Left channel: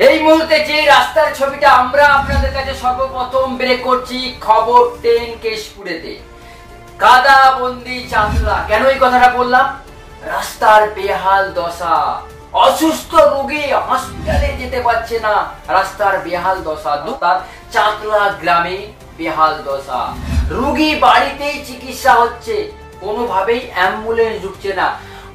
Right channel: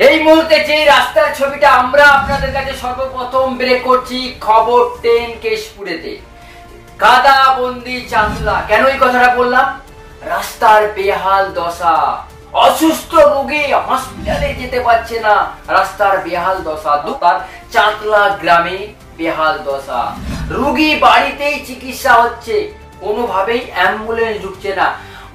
এই মুহূর্তে যে রাস্তার ছবিটা আমরা আপনাদের কাছে সর্বপ্রথম ব্রেক করছি, খবর 10 কেশপুরেতে কাদা বন্দি চাঁদলা। কেন এই কথাটা বললাম? রাস্তার বেহাল দশা, অসুস্থ রোগী হসপিটালে যেতে পারছে না, রাস্তার বেহাল দশা। তার চাঁদলা গ্রামে বেহাল দশা, রোগী বাড়িতেই চিকিৎসা হচ্ছে, কোনোভাবেই অ্যাম্বুলেন্স ঢুকছে না।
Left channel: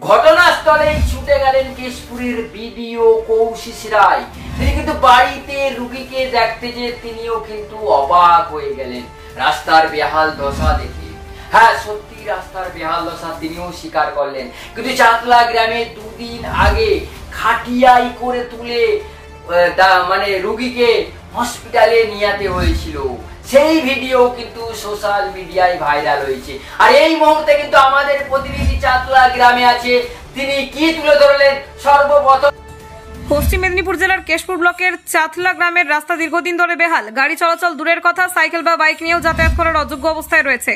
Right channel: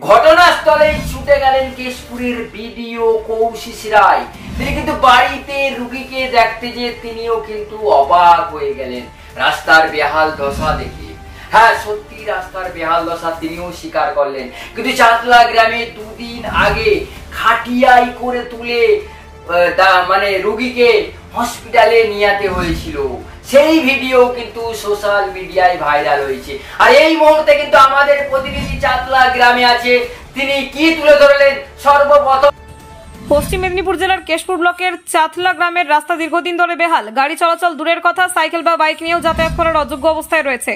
ঘটনাস্থলে ছুটে গেলেন কেশপুরের বিডিও কৌশিক রায়। তিনি কিন্তু বাড়িতে রোগীকে দেখতে যে তিনিও কিন্তু অবাক হয়ে গেলেন রাস্তার বেহাল দশা দেখে। হ্যাঁ, সত্যি রাস্তার বেহাল দশা তিনিও স্বীকার করলেন। কিন্তু চাঁদলা গ্রামে দুদিন আগে খাটিয়াই করে তুলে মানে রোগীকে হসপিটালে নিয়ে যেতে হয়েছিল, সেই ভিডিও কিন্তু সোশ্যাল মিডিয়ায় ভাইরাল হয়েছে। আর এই মুহূর্তে কিন্তু আমাদের প্রতিনিধি চাঁদলা গ্রামে আছে, তিনি কি তুলে ধরলেন সর্বপ্রথম। পশ্চিম মেদিনীপুর জেলার কেশপুর ব্লকের চাঁদলা গ্রামের রাস্তা দীর্ঘদিন ধরে বেহাল। গাড়ি চলাচল দূরের কথা, সাইকেল বা বাইক নিয়েও যাতায়াত করার অযোগ্য অবস্থায় রয়েছে,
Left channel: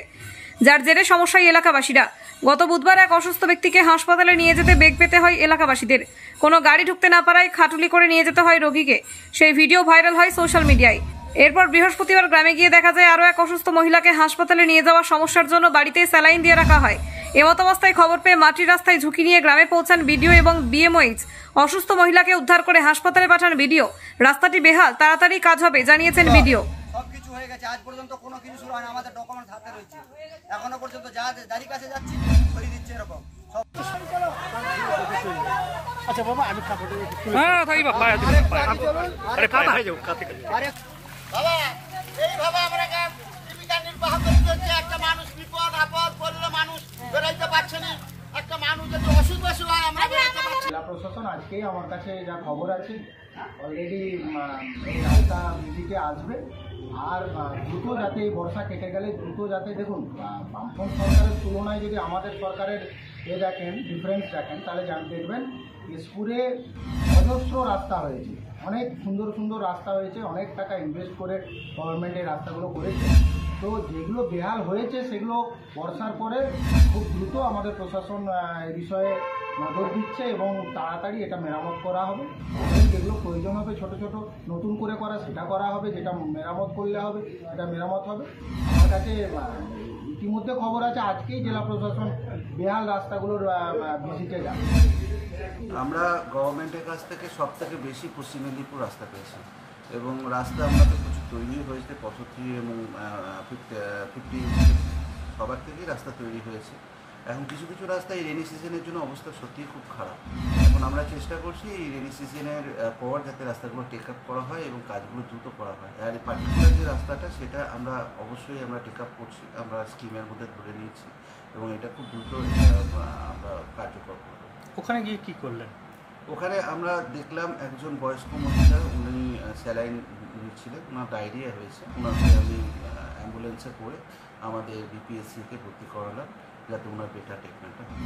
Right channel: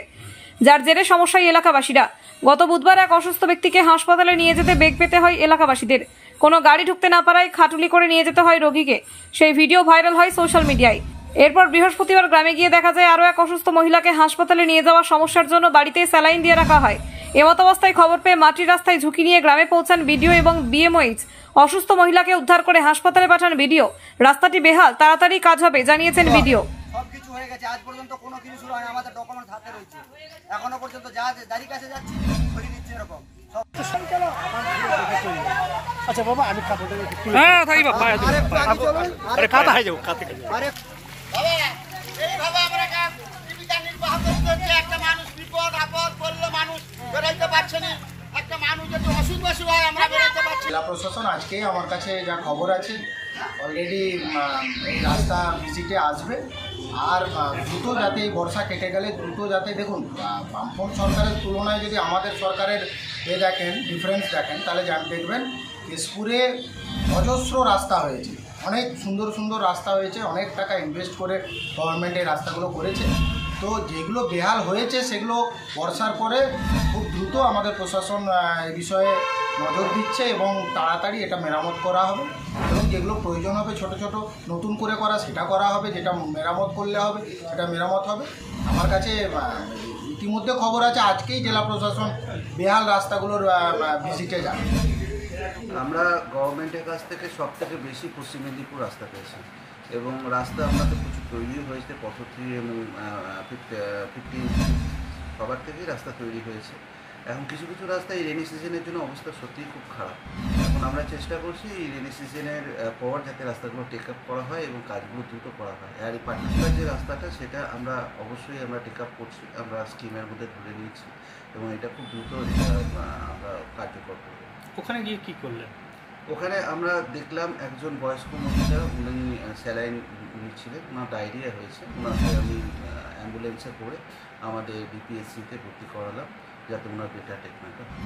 যার জেরে সমস্যায় এলাকাবাসীরা। গত বুধবার এক অসুস্থ ব্যক্তিকে হাসপাতালে নিয়ে যেতে বেগ পেতে হয় এলাকাবাসীদের। কোনো গাড়ি ঢুকতে না পারায় খাটুলি করে নিয়ে যেতে হয় রোগীকে। সেই ভিডিও ভাইরাল হয় সোশ্যাল মিডিয়ায়। এরপর বৃহস্পতিবার গ্রামে গিয়ে দেখা যায় আরও এক অসুস্থ মহিলাকে হাসপাতালে নিয়ে যাওয়ার সমস্যার জন্য বাড়িতেই স্যালাইন দিয়ে রাখা হয়। এমত অবস্থায় খবর পেয়ে মাটির রাস্তায় ঝুঁকি নিয়ে গ্রামে পৌঁছান বিডিও এবং বিএমওইচ। অসুস্থ মহিলাকে উদ্ধার করে হাসপাতালে পাঠান বিডিও। রাস্তাটি বেহাল, তাড়াতাড়ি কাজ হবে জানিয়েছেন বিডিও। সবকিছু হয়ে গেছে, আজ পর্যন্ত কোনো কিছু শুরু হয় না। আমাদের ডকুমেন্ট হাতে রয়েছে, এখনো পর্যন্ত যা যারই কাছে যাচ্ছি ধরিয়ে দিচ্ছে এরকম। আচ্ছা বাবা, আমি হ্যাঁ থাকি বাবা, আরে পায়ে যাও কাতে কাতে। আরে বাবা, এইভাবে আমরা জীবিকা নির্বাহ করতে, একটা মানুষ বিপদ আপদ পড়লে মানুষ বেরোতে পারছে না, একটা মানুষ যদি অসুখ বসু হয় আমরা বেরোতে পারছি। জেলা প্রশাসন আজকে আমার কাছে যা খবর আছে অলরেডি এই রাস্তা ভিজিটে আসবে। আর দ্রুত যাতে এই বর্ষা কেটে গেলে দ্রুত যাতে, দেখুন বামফ্রন্ট সরকারের তুলনায় যদি আমাদের সরকারের দেখেন, ডিফারেন্স দেখেন, তাহলে দেখবেন কেশপুরে অজস্র রাস্তা হয়েছে, অনেক সুন্দর সুন্দর রাস্তা হয়েছে, অনেক টাকা ইনভেস্ট করে গভর্নমেন্ট এই রাস্তাগুলো করেছে। তো যেগুলো বেহাল হয়েছে সেগুলো বর্ষার পরে খুব দ্রুত আমাদের প্রশাসন এই বিষয়ে নজর দিচ্ছে এবং তাড়াতাড়ি এটা মেরামত করা হবে। এবং যেগুলো প্রয়োজন হবে ছোট ছোট নতুন করে করা, সেটা করা হবে। যেটা মেরামত করলে হবে সেটা মেরামত হবে। আমার কাছে ইতিমধ্যে খবর আছে আজকেই জেলা প্রশাসন বেহাল রাস্তাগুলোর ভিজিটে যাবে। আমরা গভর্নমেন্টের কাছ থেকে সব থেকে বেশি পশ্চিম মেদিনীপুর রাস্তা পেয়েছি এবং রাস্তা আমাদের প্রচুর তৈরি হয়েছে। 45 এবং 50 সবার থেকেই রাস্তা তৈরি হয়েছে। এখন কিছু কিছু রাস্তা এই রেনি সিজনের জন্য অবস্থা সত্যিই খুব খারাপ। এখন আমরা চেষ্টা করছি এই রেনি সিজনের পর যাতে রাস্তাগুলো টেক আপ করা হয় এবং কাজগুলো দ্রুত করা হয়। আর এই পার্টিকুলার যে রাস্তাটা সেটা আমরা অবশ্যই আমরা টেক আপ করছি, আমরা স্কিমের মধ্যে ধরে নিয়েছি এবং এটা খুব দ্রুত আমরা কার্যকর করব। ওখানে গিয়ে কি করলেন? ওখানে আমরা দেখলাম একজন বয়স্ক মহিলা, উনি স্যালাইন নিচ্ছিলেন, ওনার ডায়রিয়া হয়েছে। ওনাকে আমি অ্যাম্বুলেন্সে করে আমাদের বিপিএসসিতে ভর্তি করালাম যাতে ওনার বেটার ট্রিটমেন্টটা হয়।